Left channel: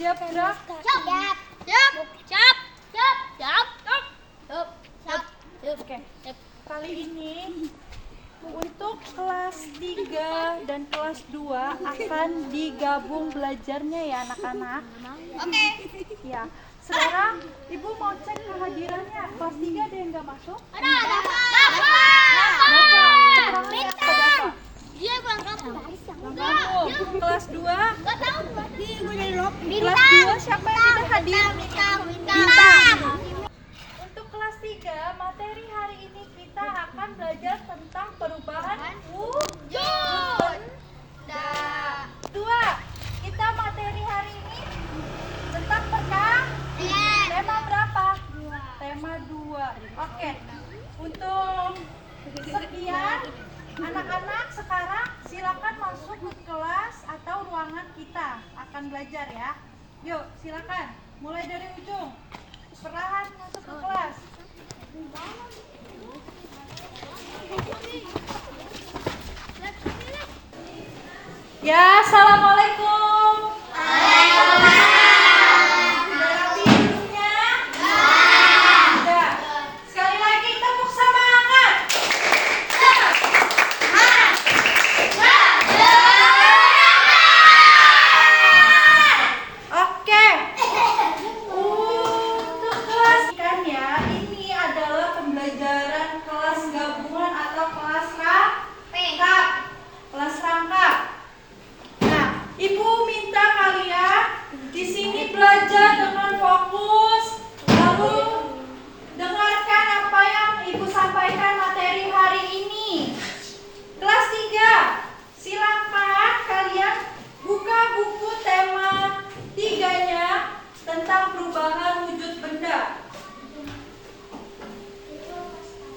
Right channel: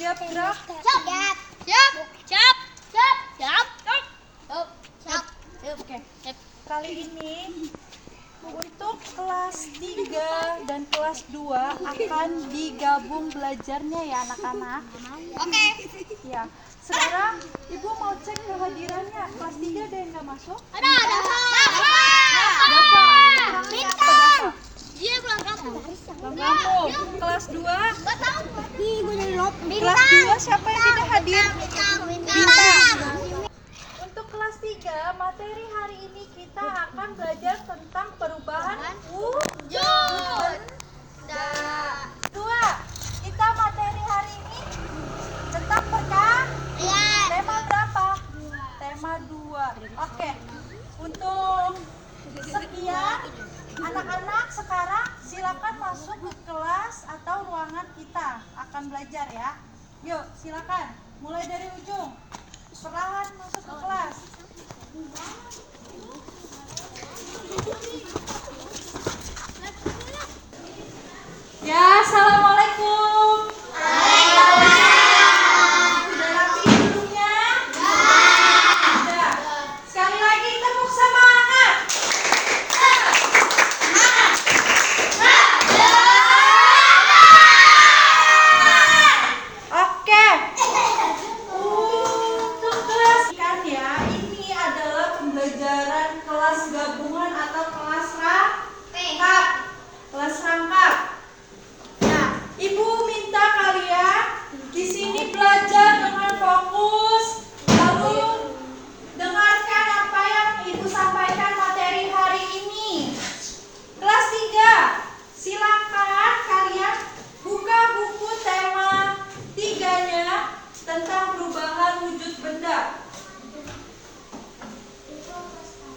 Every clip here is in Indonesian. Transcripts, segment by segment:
Siap gerak? Siap. Siap. Siap. Siap. Siap. Siap. Siap. Oke. Kali ini untuk kelas 3 dan kelas 2 akan digabung belajarnya ya anak-anak. Oke. Ya. Sekarang Ibu mau cek kehadirannya. Kelas 3 ada yang nggak masuk? Ada. Dafa. Orangnya apa Dafa? Dia pulang kampung. Pulang kampung. Kelas 2? Gak tahu. Nih, gue jadi lop. Kelas 2 siapa yang tidak hadir? Bintang. Untuk kelas 3, materi hari ini kita akan belajar tentang perubahan Wujud. Dua, kita materi hari ini tentang tema berapa? Tema 2. Oke. Untuk sekian, anak-anak sekarang silakan masuk ke kelas atau ruangan kita akan belajar ya. Yuk, silakan. Mulai dari ujung. Perlahan masuk ke kelas. Ya, assalamualaikum. Sudah rapi hidungnya? Sudah. Sekali lagi tepuk semangat. Oke. Untuk kelas kan ya, ini adalah pembelajaran kelas gabungan atau kelas rangkap. Kelas rangkap. Nah, Ibu minta kalian di sini belajar dengan fokus, lalu dengarkan apa yang Ibu sampaikan materi hari ini. Kelas 3, silakan kalian buka buku tema 3-nya tentang perubahan wujud benda.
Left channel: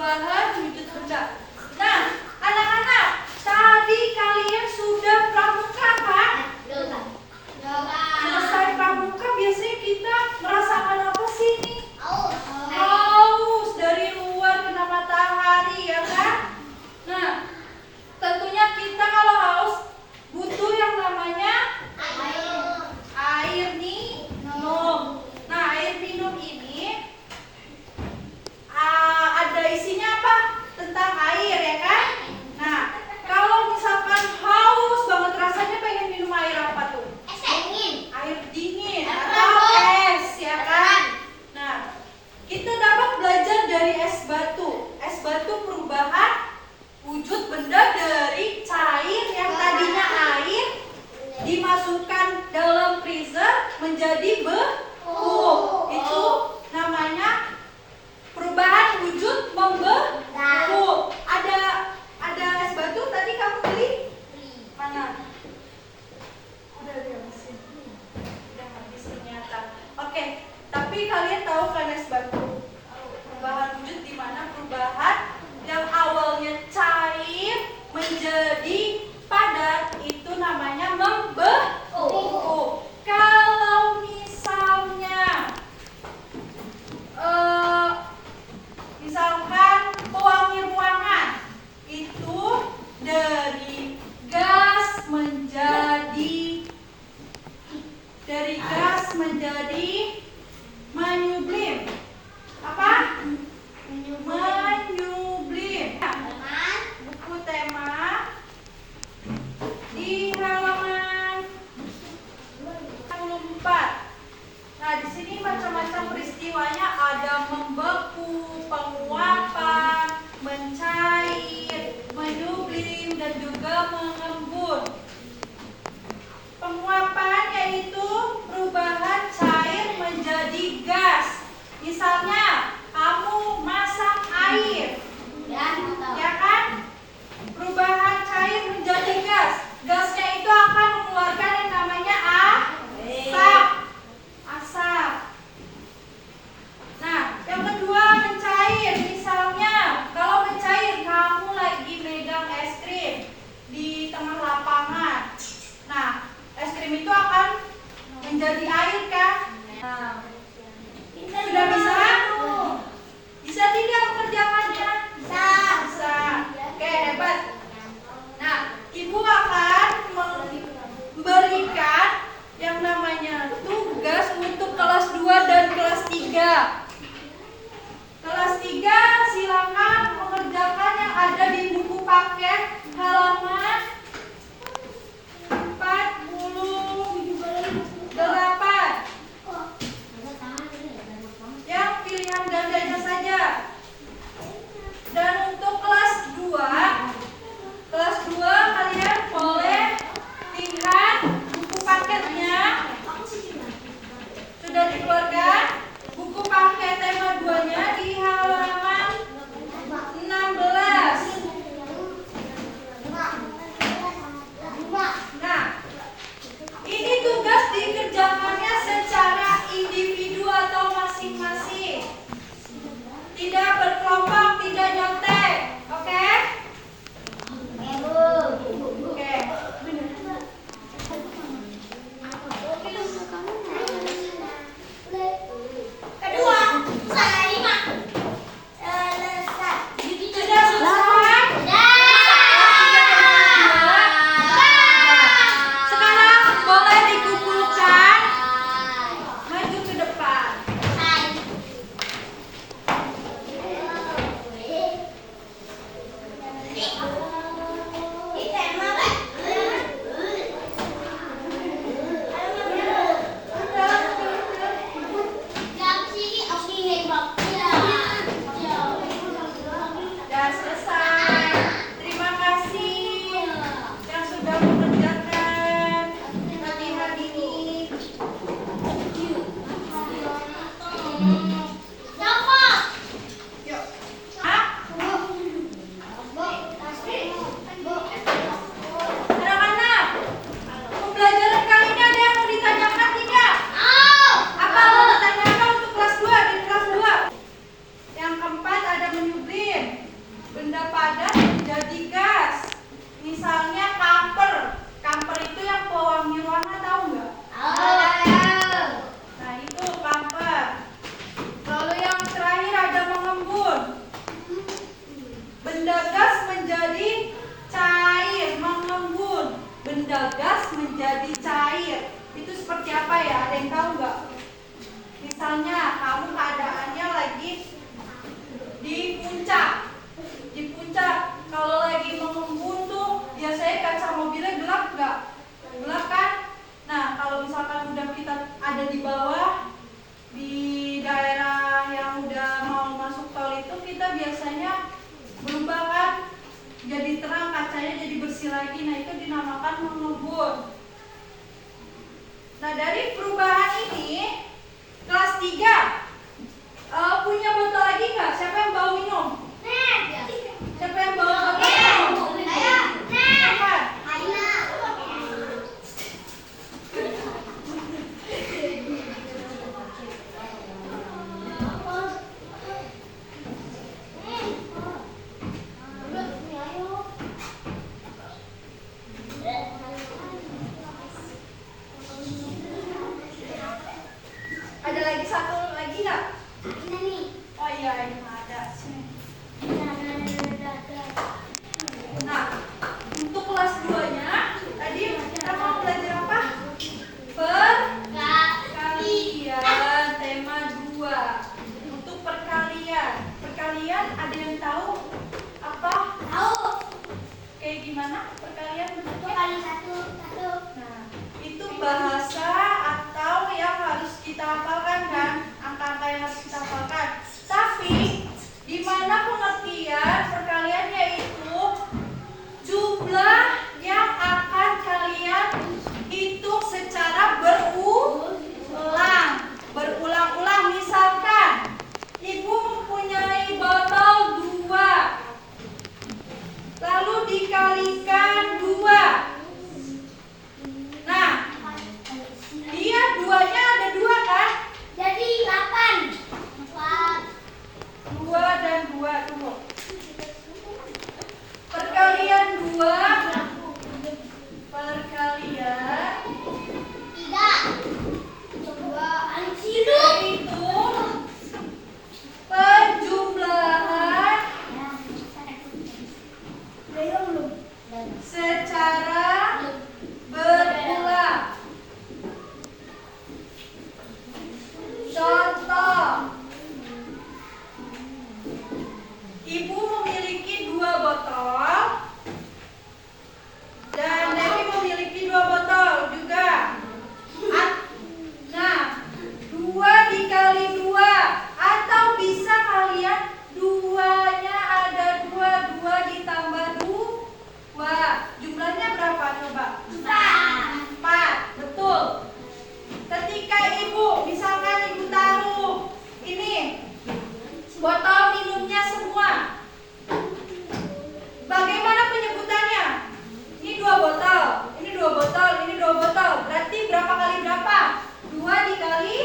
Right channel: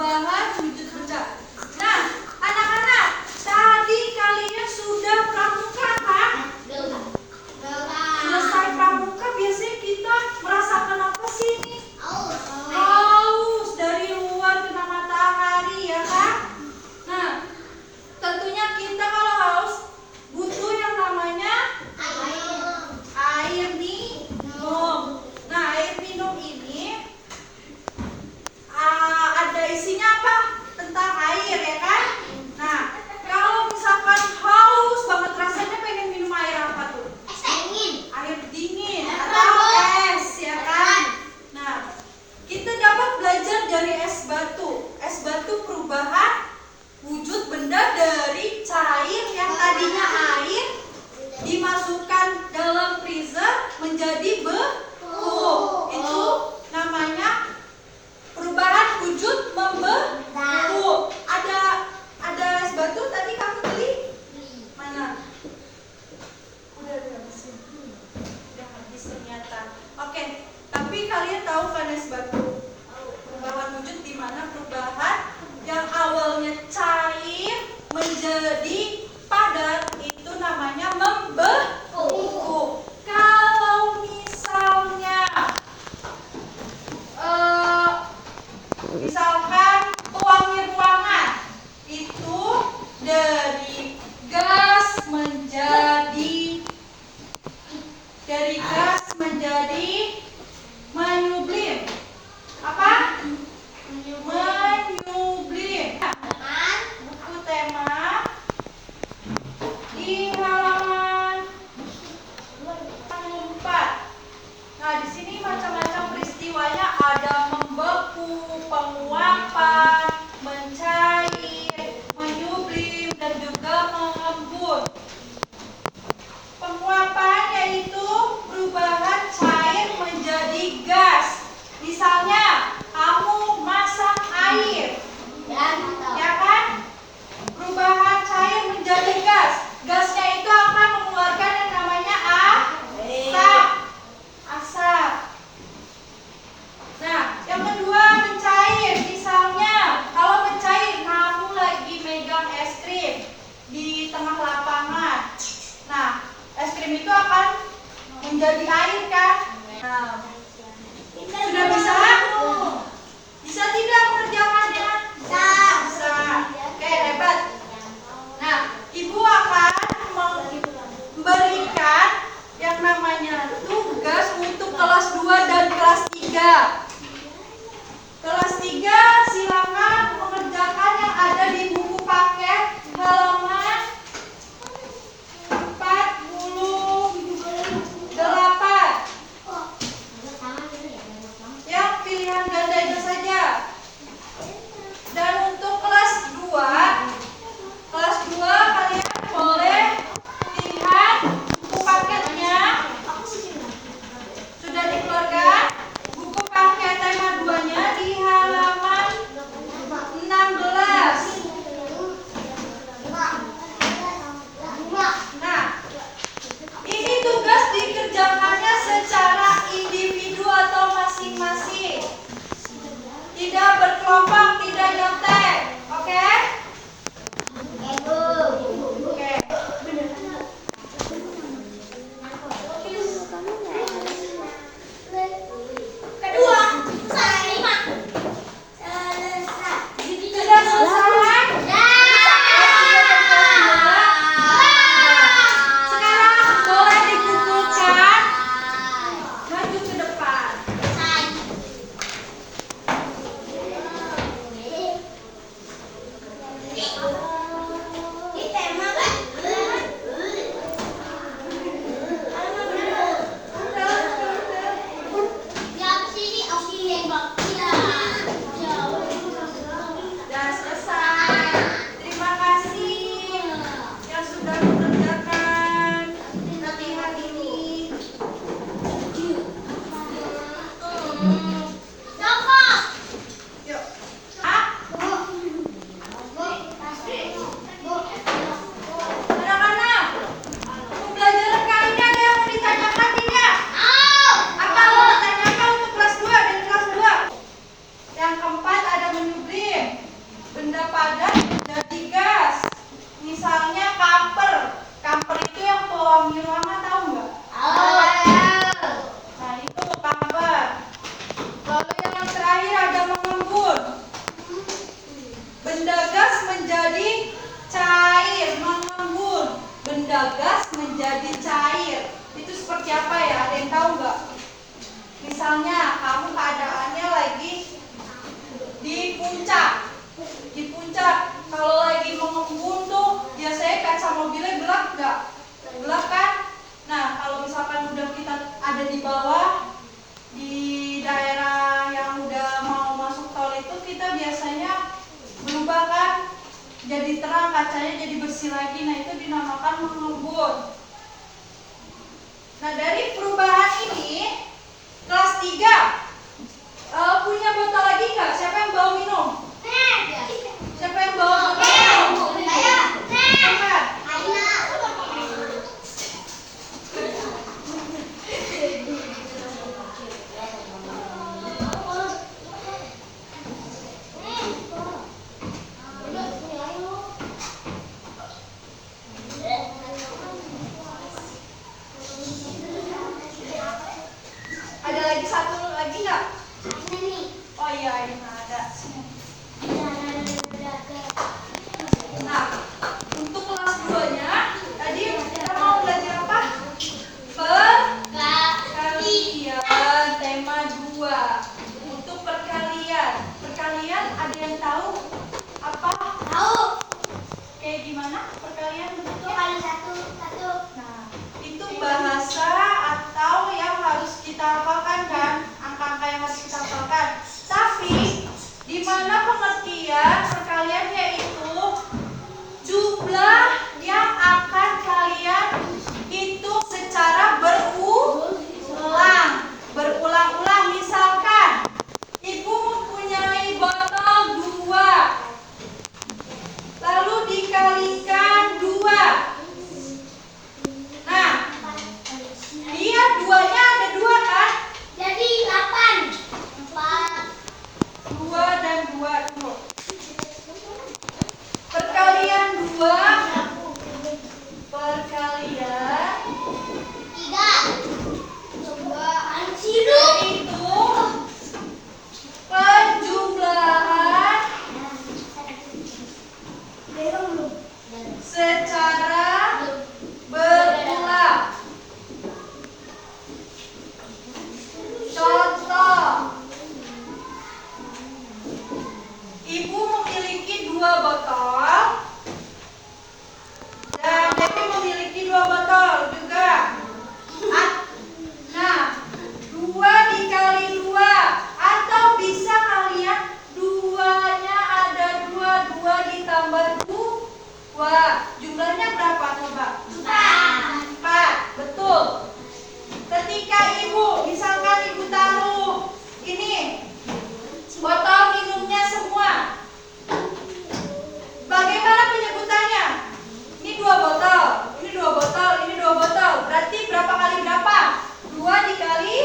Bahan wujud benda. Nah, anak-anak, tadi kalian sudah pramuka kan? Selesai pramuka biasanya kita merasakan apa sih nih? Haus dari luar kena matahari ya kan? Nah, tentunya kita kalau haus butuh yang namanya air minum. Nah, air minum ini ada isinya apa? Tentang air ya kan? Nah, kalau misalkan haus banget rasanya pengen minum air apa tuh? Air dingin atau es ya kan? Nah, kita dapat belajar dari es batu. Es batu perubahan wujud benda dari cair yang tadinya air dimasukkan dalam freezer menjadi beku. Itu namanya perubahan wujud membeku. Ada es batu tadi kamu beli? Mana? Udah dihabisin. Udah habis ternyata. Oke, tapi kalian tahu kan es batu? Perubahan wujud di mana perubahan yang awalnya cair menjadi padat itu namanya membeku. Kalau misalnya misalkan pewangi ruangan itu dari gas menjadi menyublim. Apa? Menyublim. Buku tema di halaman 4. Nah, di sini macam-macam peristiwanya, ada membeku, penguapan, mencair, menyublim, dan juga mengembun. Penguapan yaitu perubahan cair menjadi gas. Misalnya, kamu masak air, ya kan? Perubahan cair menjadi gas. Gasnya itu akan mengeluarkan yang namanya asap. Nah, yang kedua mencair. Misalnya, kalau mencair kamu lagi megang es krim di tengah lapangan. Nah, es krim itu akan menjadi air kan? Nah, sudah bisa? Bisa tidak mengerjakannya? Bisa. Oke, hebat. Nah, Ibu akan memberikan yang namanya tugas kelas 2 dan kelas 3. Kelas 3 silakan mengerjakan yang ada di buku paket halaman 48. Yang pilihan gandanya saja. Dan untuk kelas 2 kalian boleh lihat buku paketnya. Sudah dikeluarkan buku paket tema 2-nya di halaman 16. Nah, ini tugas dikerjakannya secara individu atau masing-masing. Tidak berkelompok, tidak nyontek. Oke? Oke. Sudah selesai? Sekarang boleh dikumpulkan maju ke depan. Sudah selesai. Terima kasih yang sudah mengerjakan latihan ini. Yuk. Anak-anak, pembelajaran kali ini ada yang mau ditanyakan tidak? Apa mau ditanyakan untuk kelas 2 dan kelas 2? Yang keempat ada menyublim. Benda padat jadi gas. Misalnya kamper. Kamper itu yang pewangi ruangan, tahu nggak? Nah, itu kamper. Lalu yang terakhir ada mengembun. Benda gas menjadi cair, mengembun. Benda gas menjadi cair. Itu seperti apa ya? Ada yang tahu nggak? Misalnya kamu keadaannya lagi di puncak. Di puncak, kalau lagi mengembun tuh biasanya kaca mobilnya gelap nggak? Gelap kan? Nah, kalau misalkan udah kita ada di bawah, di daerah yang udah mau masuk tol itu, kita biasanya berubah kan? Jadi terang, kacanya jadi bersih lagi. Nah, itu dinamakan mengembun. Nah, dari perubahan ini, kelas 3 punya botol lagi nggak? Siapa yang bawa minum? Siapa yang bawa botol minum? Siapa? Ada lagi satu lagi nggak? Oh iya, ini ada. Sini. Nah, untuk kelas 2-nya tadi kita mau belajar apa? Perkalian tema 2. Untuk perkalian. Perkalian ada yang tahu apa? Kayak gimana perkalian bentuknya? Nah, itu bahasa atau yang harus kita hafalkan kan? Angka-angka yang harus kita hafalkan. Tapi di mana pengertian perkalian yaitu jumlah yang akan kalian hitung secara berulang-ulang. Misalkan ibu mempunyai botol 2, lalu dikalikan 2. Nah, dia 2-nya ada 2 kan? Jadi 8. 2 dan 2 tunggu. Perkalian 2 perkalian 3. yaitu penjumlahan secara berulang. botol minumnya semua. Bagaimana penyebutannya? Ini 2 botol, ini 2 botol, ini 2 botol. Berarti berapa kali berapa? 2 dikali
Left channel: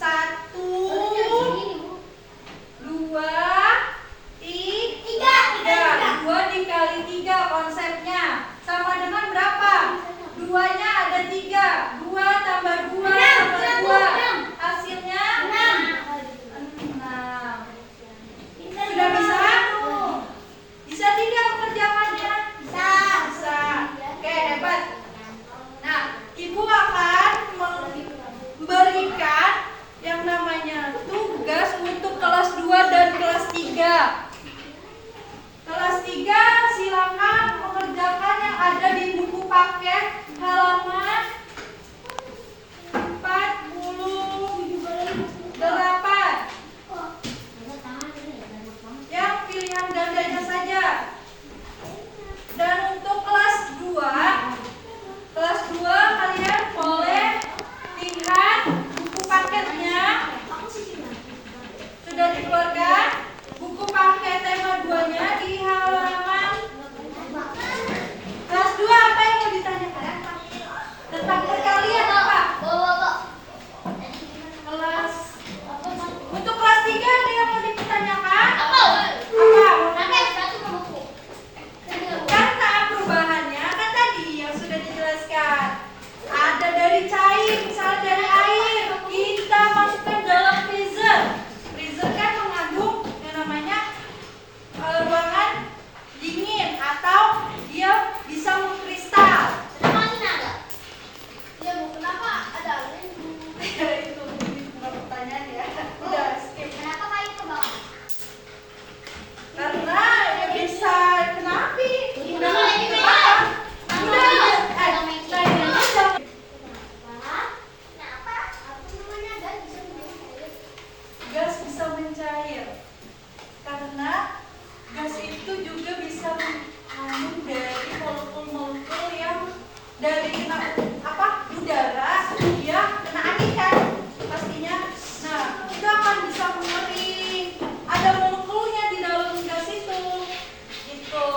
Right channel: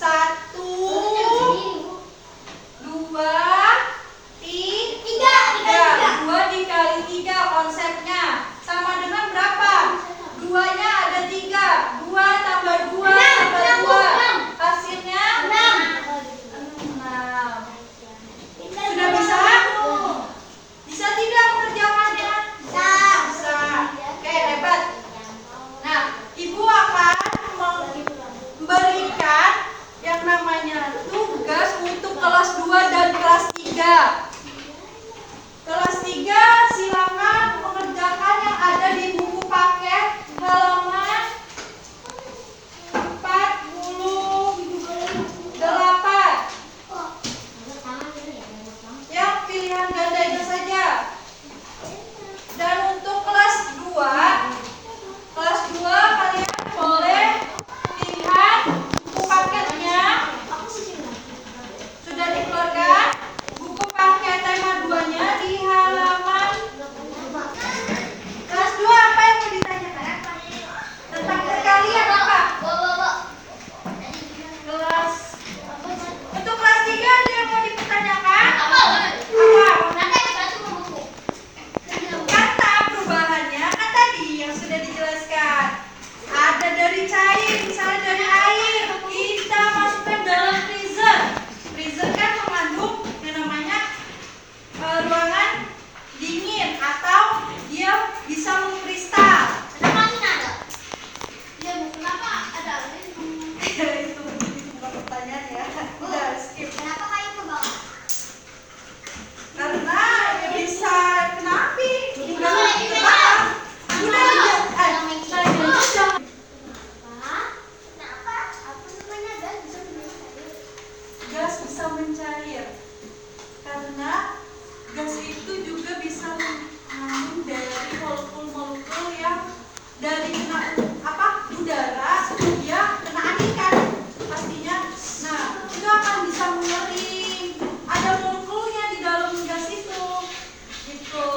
1, 2, 3. 2 dikali 3 konsepnya. Sama dengan berapa? 2-nya ada 3. 2 tambah 2 tambah 2. Hasilnya 6. Sudah bisa? Bisa tidak mengerjakannya? Bisa. Oke, hebat. Nah, Ibu akan memberikan yang namanya tugas untuk kelas 2 dan kelas 3. Kelas 3 silakan mengerjakan yang ada di buku paket halaman 48. Yang pilihan gandanya saja. Dan untuk kelas 2 kalian boleh lihat buku paketnya. Sudah dikeluarkan buku paket tema 2-nya di halaman. Kelas 2 apa yang mau ditanyakan? Tentang perkalian apa? Kelas Untuk kelas 3 ada yang mau dipertanyakan? Apa? Kata perubahannya kan tadi yang sudah dijelaskan. Ada dari cair, misalnya dari air, kita masukkan dalam freezer. Freezer kan mengandung yang namanya ruangan dingin atau dia bisa mengkristal. Itu bukan pertanyaan ya. Udah skip. Karena ya bisa kena api. Udah kebakar. Gas bisa mencair karena gas itu juga bisa mengandung dari molekul-molekul yang dari kena udara dia kena angin kan pastinya. Nah itu akan bisa mengering. Ada molekulnya di dalam gas itu gitu.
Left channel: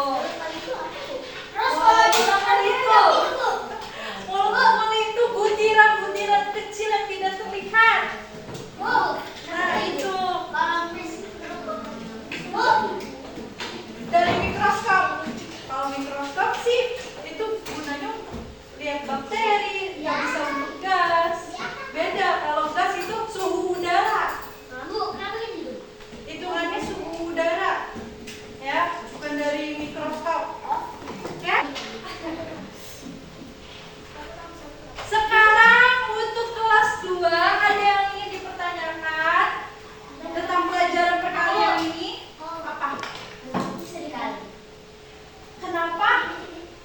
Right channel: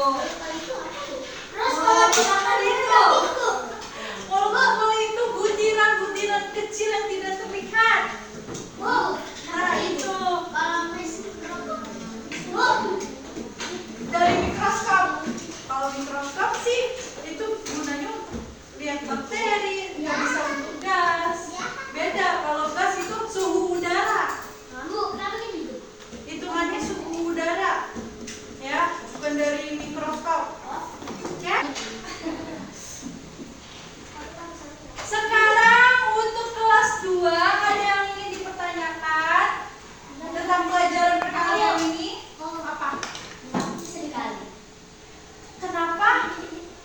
Molekul itu butiran-butiran kecil yang tidak terlihat. Nah itu dari mikroskop. Kalau mikroskop sih itu gunanya untuk lihat bakteri, nggak bisa untuk gas. Beda kalau gas itu suhu udara. Hitungannya suhu udara, ya, bukan dari mikroskop. Oke? Sekarang untuk kelas 2 ada yang ingin dipertanyakan tentang pelajaran perkalian ini? Apa? Kenapa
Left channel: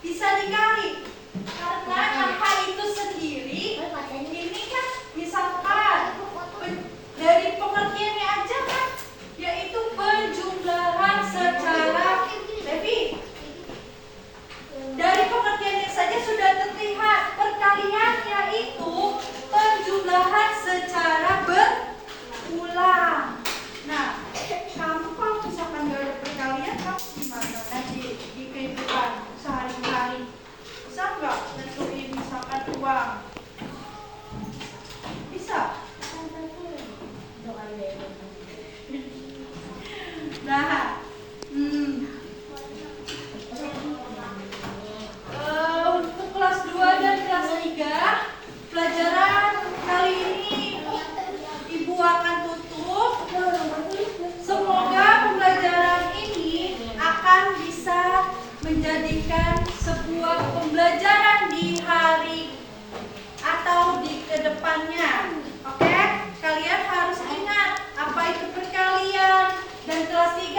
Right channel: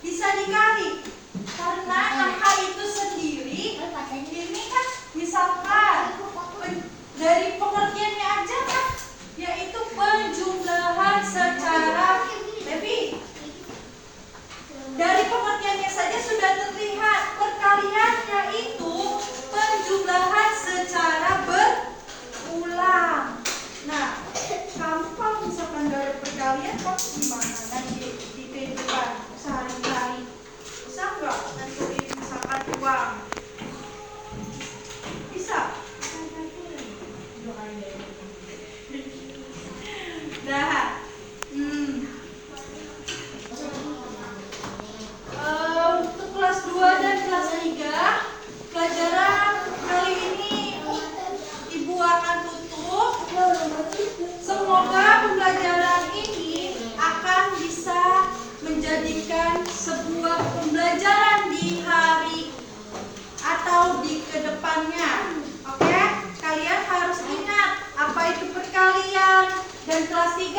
bisa dikali? Karena angka itu sendiri ini kan misalkan dari pengertiannya aja kan yaitu penjumlahan secara Devi. Dari pengertiannya saja sudah terlihat perkalian yaitu penjumlahan secara berulang. Nah, kamu kalau misalkan gak ada perkalian kamu gimana nanti di kehidupan sehari-hari? Bisa nggak nentuin misalkan uang? Bisa? Nah, untuk kelas 2 dan kelas 3 pelajaran kali ini Ibu akan tutup. Semoga pembelajaran ini akan bisa menjadikan sebuah pembelajaran di hari atau di kedepannya. Oke? Kalian harus ingat apa itu perkalian dan kelas 3